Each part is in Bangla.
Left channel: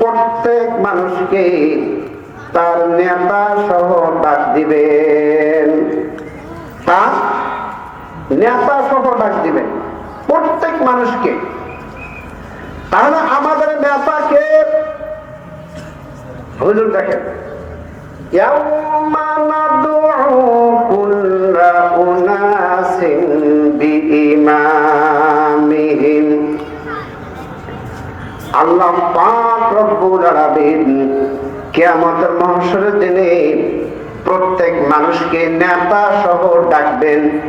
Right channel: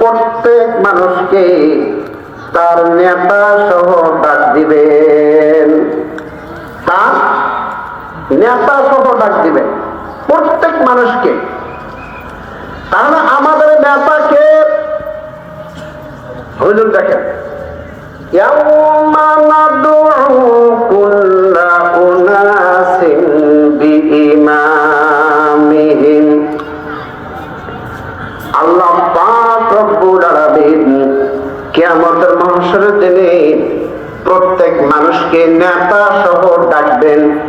প্রত্যেক মানুষকে তার নেতা সহ ডাক দিবেন তার নেতা সহ ডাক দিবে। প্রত্যেক মানুষকে। তাহলে আমাদের নেতাকে হুজুর দেখেন। ইয়াউমা নাদু আল্লাহ প্রত্যেক মানুষকে নেতা সহ ডাকবেন।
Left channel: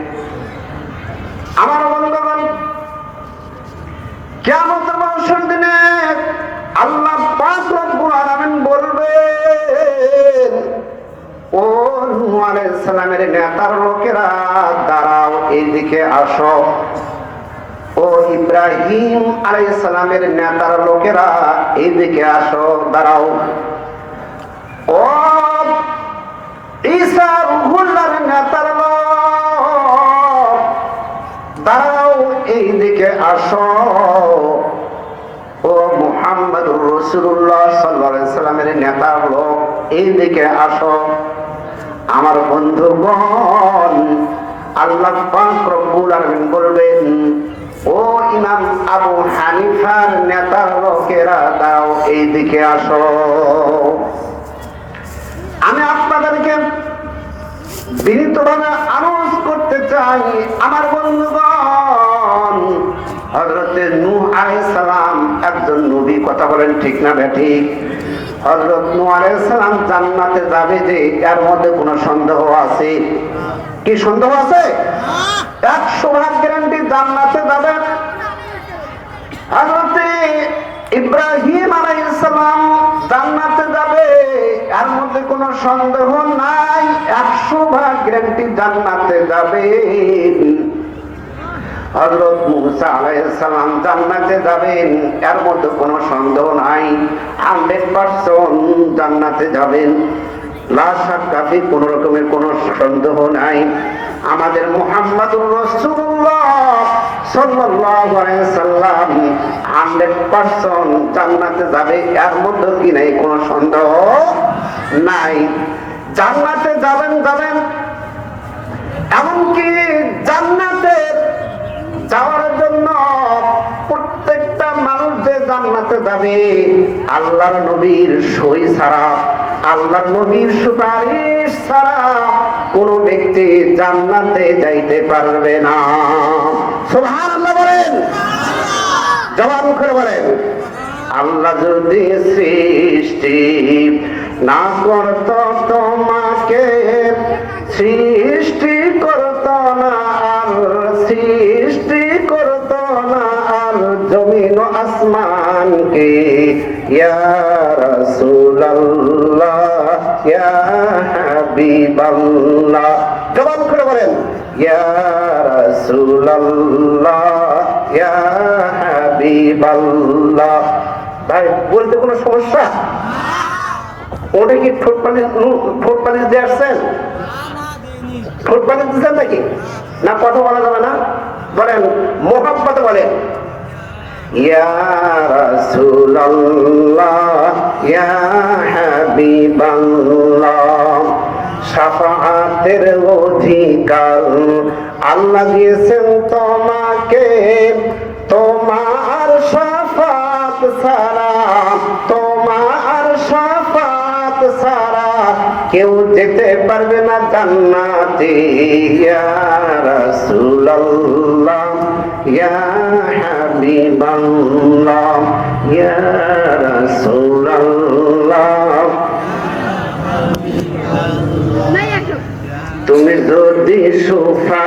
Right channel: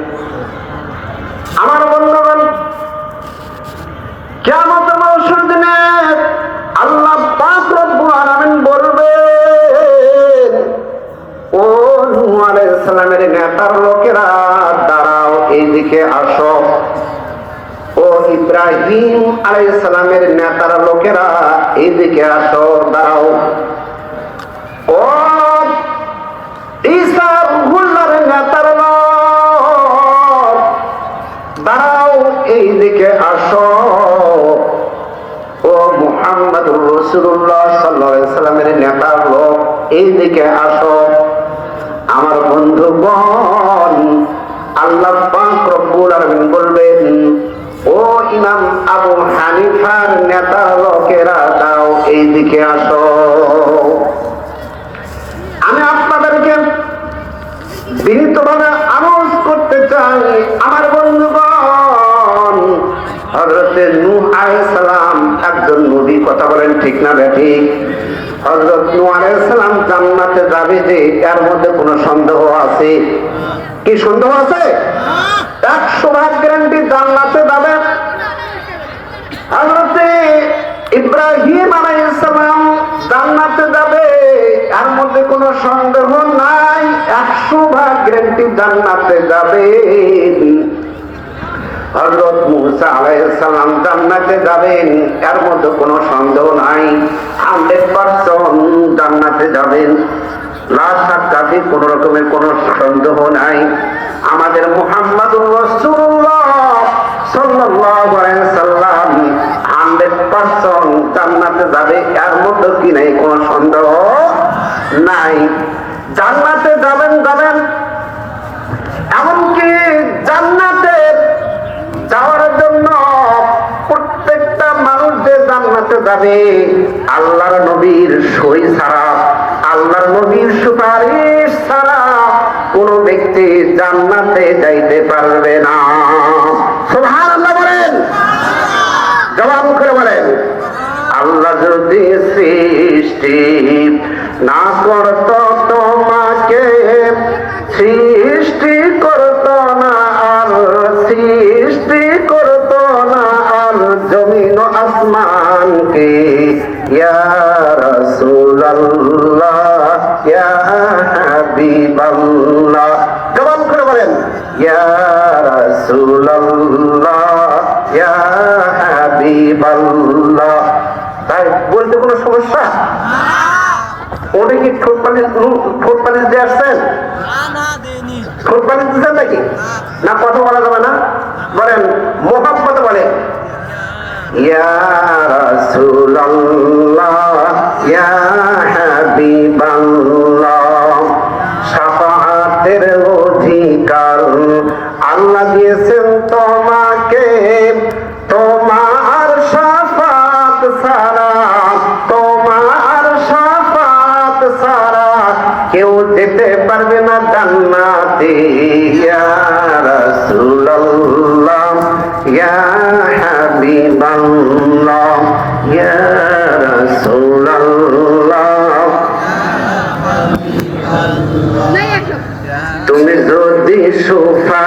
ইব্রাহিম আলাইহিস নেতার লোকেরা এইদিকে আসো, দাঁড়াও। ও ঈসা রুহুল্লাহর নেতার দাঁড়াও, এইদিকে আসো। ও মুহাম্মদুর রাসূলুল্লাহ সাল্লাল্লাহু আলাইহি সাল্লামের নেতার লোক, এইদিকে আসো। আমার বন্ধুগণ, আল্লাহ পাক রব্বুল আলামিন বলবেন ও ইমাম আবু হানিফার নেতা লোকেরা দাও এইদিকে আসো। আমি আপনাদেরকে বিনীতভাবে আনোজ করতে চাই আমার বন্ধুগণ। হজরতে নূহ আলাইহিস সালাম একজন নবী কথা বলেন ঠিক না ব্যাঠিক? হজরত নূহ আলাইহিস সালাম জান্নাতে যাবে যে এর মধ্যে কোনো সন্দেহ আছে? কি সন্দেহ আছে? একশো ভাগ গ্যারান্টি জান্নাতে যাবে হজরতে ইব্রাহিম আলাইহিস সালাম জান্নাতে যাবে এর মধ্যে কোনো সন্দেহ নাই, একশো ভাগ গ্যারান্টি জান্নাতে যাবে। হজরত মুসা জান্নাতে যাবেন, এর মধ্যে কোনো সন্দেহ নাই। হান্ড্রেড পার্সেন্ট জান্নাতে যাবেন। কোন রকমের কোনো সন্দেহ নাই। আমাদের আলাইহি সাল্লাম হান্ড্রেড জান্নাতে যাবে, এর মধ্যে কি সন্দেহ নাই। জান্নাতে যাবেন যাবেন। এমনকি জান্নাতে যাওয়ার জন্য প্রত্যেকটা মানুষ যে জান্নাতে যাবে, আল্লাহর নবীর সই ছাড়া, আল্লাহর নবীর সুপারিশ ছাড়া কোন ব্যক্তি জান্নাতে যাইতে পারবে না সুবহানাল্লাহ বলেন জবাব করে বলেন, আল্লাহ যদি সৃষ্টি না করত তোমাকে, সৃষ্টি করত না আর, সৃষ্টি করত না আর জমিন আসমানকে ইয়া রাসূলুল্লাহ, ইয়া হাবিবাল্লাহ। জবাব করে বলেন, ইয়া কোনো ওটা কি ঠোঁট ঠোঁট পালিশ দিয়ে আসছেন ঠোঁট পালিশ দিচ্ছেন নাকি? না, কথা বলা যাবে না। বলেন মোহাম্মত বলেন। ইয়া কেউ যেতে পারবে না জান্নাতে। ইয়া রাসূলুল্লাহ ইয়া হাবিবাল্লাহ ইয়া রাসূলুল্লাহ। তুমি যদি সুপারিশ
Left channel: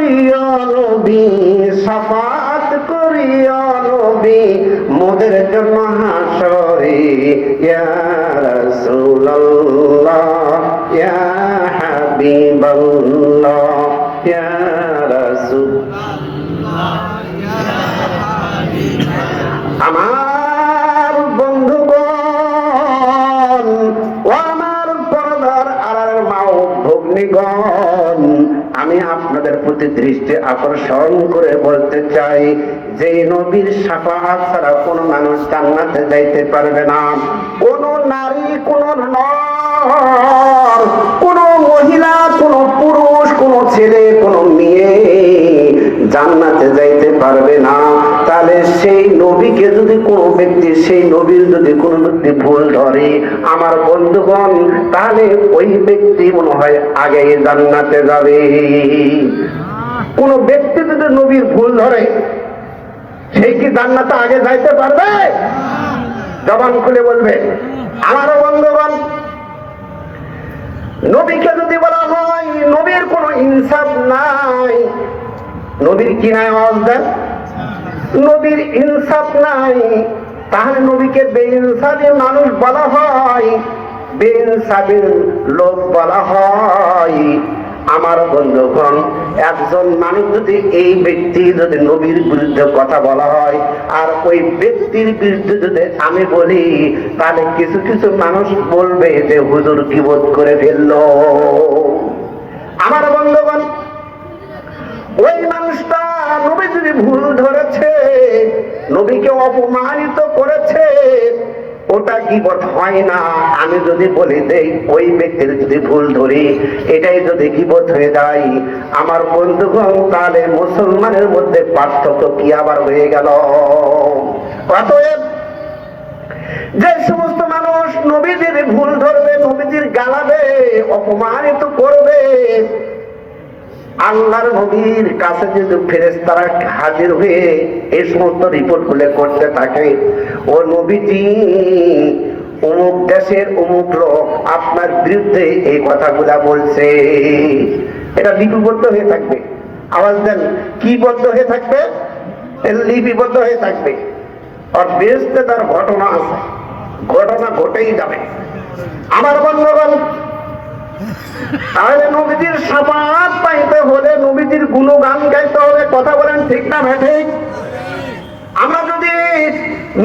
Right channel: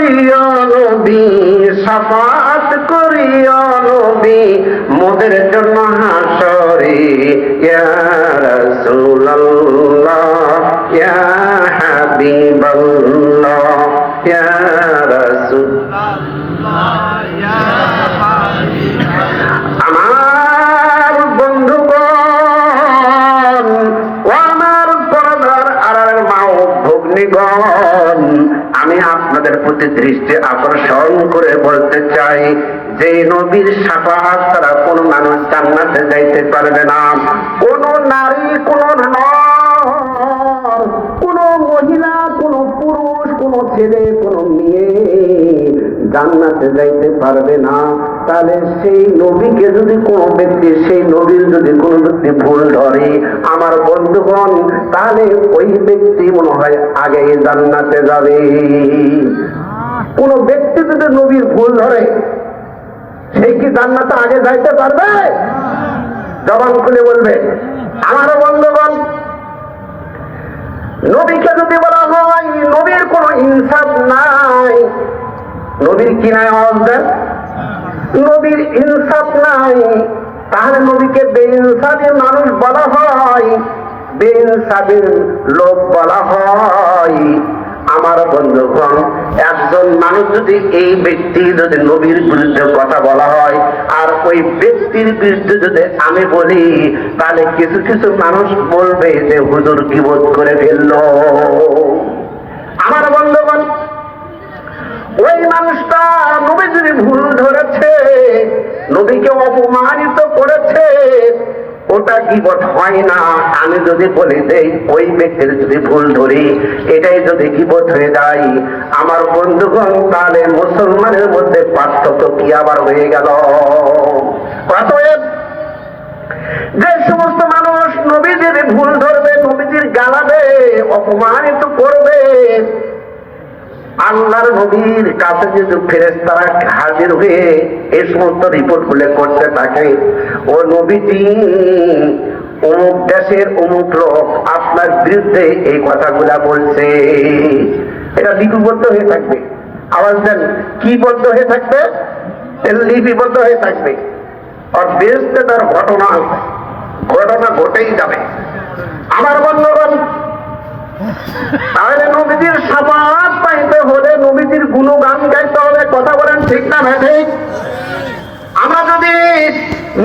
করিও নবী শাফাত করিও নবী মোদের জন্য প্রতি দৃষ্টি আকর্ষণ করে বলতে চাই, যে নবীর সাফাহাত ছাড়া কোন মানুষ জান্নাতে যাইতে পারবে না। কোন নারী, কোন কোন মহিলা, কোন পুরুষ, কোন ছেলে, কোন মেয়ে জান্নাতে যাইতে পারবে না। তাহলে সেই নবীকে যদি কোনো ব্যক্তি, সেই নবীর যদি কোনো ব্যক্তি ভুল ধরে, আমার বন্ধুগণ, তাহলে ওই ব্যক্তি মনে হয় আগে জান্নাতে যাবে। কোন ব্যক্তি যদি নবীর ভুল ধরে সেই কি জান্নাতে আগে যাইতে পারবে? জবান খুলে বলবে, আমারও বন্ধুগণ, নবীকে যদি বলা হয়, নবীর কোন ইনসাফ নাই। নবীর কি নাই আওয়াজ দেন? নবীর ইনসাফ নাই। তাহলে নবীকে বেইনসাফি মানুষ বলা হয়, বেইনসাফির লোক বলা হয়। আমার বন্ধুগণ একজন মানুষ যদি এই ব্যক্তি যদি নবীর বিরুদ্ধে কথা বলা হয়, আর ওই ব্যক্তির বিরুদ্ধে যদি আমি বলি, তাহলে কিছু কিছু মানুষ বলবে যে, হুজুর কি বোধ করে ফেলল। আমার বন্ধুগণ, ওই মানুষটা নবী যদি ভুল ধরেছে, নবীকে অপমানিত করেছে ওটা গিবত হয় না। আমি যদি বলি, দেই, ওই ব্যক্তির যদি ভুল ধরি, এটাই যদি গিবত হয়ে যায়, আমার বন্ধুগণ, তাহলে মুসলমানের মধ্যে পার্থক্য কি আবার হয়ে গেল? যে সমস্ত মানুষ নবীজির ভুল ধরবে, নবীজির গালাবে, অপমানিত করবে আল্লাহর নবীর কাছে যদি ফেরেস্তারা হাজির হয়ে এই সমস্ত রিপোর্টগুলো করতে থাকে, ও নবীজি, অমুক দেশের অমুক লোক আপনার বিরুদ্ধে এই কথাগুলা বলছে। এটা লিপিবদ্ধ হয়ে থাকবে। আওয়াজ দেন, কি বদ্ধ হয়ে থাকবে? লিপিবদ্ধ হয়ে থাকবে। আর বেসতে তার ঘটনা আছে। ঘটনা ঘটেই যাবে। আমার বন্ধুগণ তাহলে নবীজির সাফাত পাইতে হলে নবীজির গুণগান গাইতে হবে, কথা বলেন ঠিক না ঠিক? আমরা যদি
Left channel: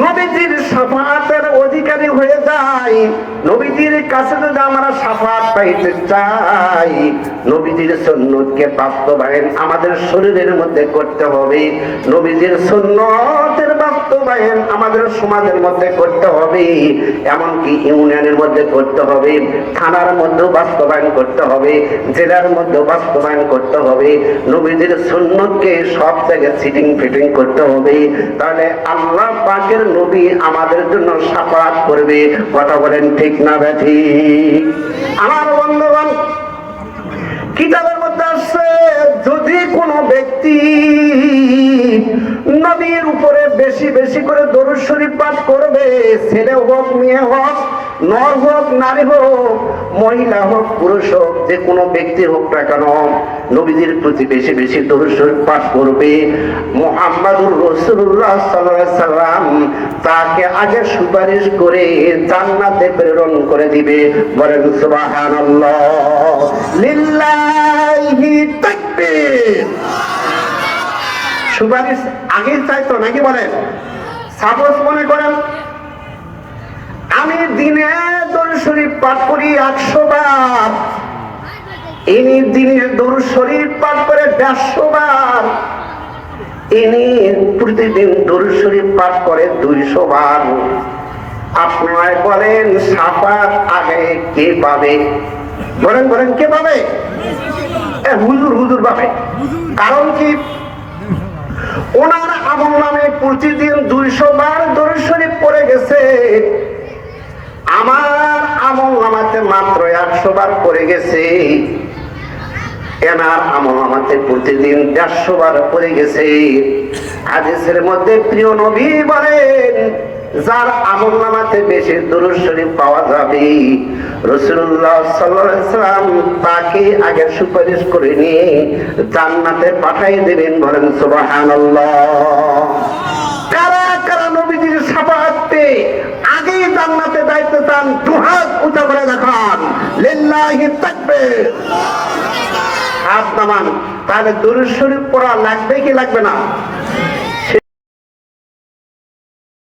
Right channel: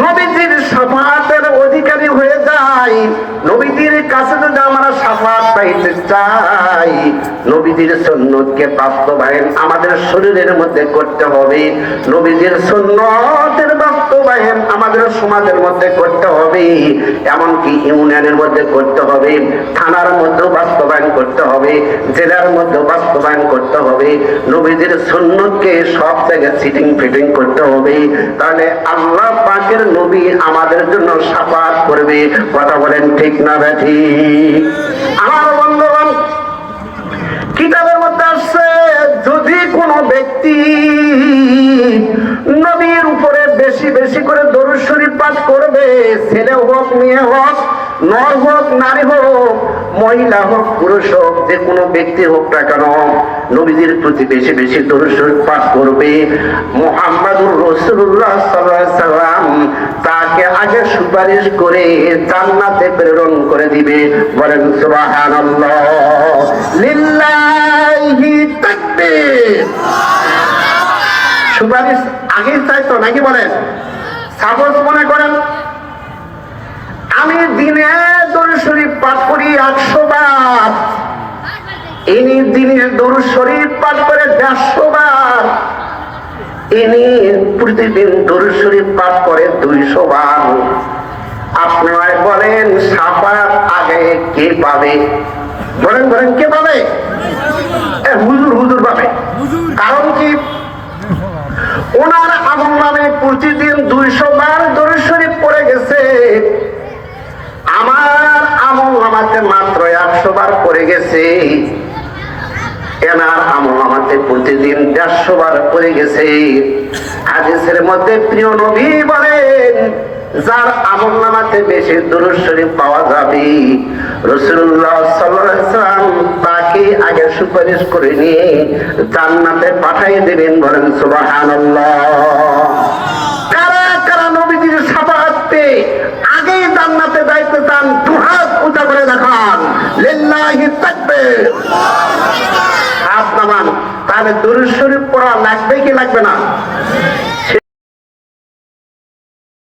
নবীজির সাফাতের অধিকারী হয়ে যাই, নবীজির কাছে যদি আমরা সাফাত পাইতে চাই, নবীজির সুন্নতকে বাস্তবায়ন আমাদের শরীরের মধ্যে করতে হবে। নবীজির সুন্নতের আমাদের সমাজের মধ্যে করতে হবে, এমনকি ইউনিয়নের মধ্যে করতে হবে, থানার মধ্যে বাস্তবায়ন করতে হবে, জেলার মধ্যে বাস্তবায়ন করতে হবে সুন্নতকে সব জায়গায় সিটিং ফিটিং করতে হবে। তাহলে আল্লাহ পাকের নবী আমাদের জন্য সাফাত করবে, কথা বলেন ঠিক না ব্যাঠি আমার বন্ধুগণ, কিতাবের মধ্যে আসছে, যদি কোনো ব্যক্তি বেশি বেশি করে দরুদ শরীফ পাঠ করবে। ছেলে হোক, মেয়ে হোক, নর হোক, নারী হোক, মহিলা হোক, পুরুষ হোক, যে কোনো ব্যক্তি হোক না কেন নবীদের প্রতি বেশি বেশি দরুদ শরীফ পাঠ করবে। মোহাম্মদুর রসুল্লাহ সাল্লাম তাকে আগে সুপারিশ করে জান্নাতে প্রেরণ করে দিবে। বলেন সুবহানাল্লাহ। লিল্লাহি আগের চাইতো নাকি বলেন? সাপোজ মনে করেন, আমি দিনে দরুদ শরীফ পাঠ করি একশো বার। ইনি দিনে দরুদ শরীফ পাঠ করে দেড়শো বার। ইনি প্রতিদিন দরুদ শরীফ পাঠ করে দুইশো বার। আপনারা বলেন, সাফাত আগে কে পাবে? বলেন বলেন, কে পাবে? হুজুর হুজুর পাবে। কারণ কি? ওনার আমল নামে প্রতিদিন দুইশো বার দরুদ শরীফ পড়ে গেছে। আমার আমল নামাতে দেড়শো বার করে গেছে। আমল প্রতিদিন দেড়শো বার গেছে। মধ্যে প্রিয় বলেন, যার বেশি শরীফ পাওয়া যাবে তাকে আগে সুপারিশ করে নিয়ে জান্নাতে পাঠাই দেবেন বলেন সুবাহান কারা কারা নবীজির সাবাহাতে আগেই জান্নাতে যাইতে চান, দুহাত উঁচা করে দেখান। লিল্লাহি হাত তাহলে দরুদ শরীফ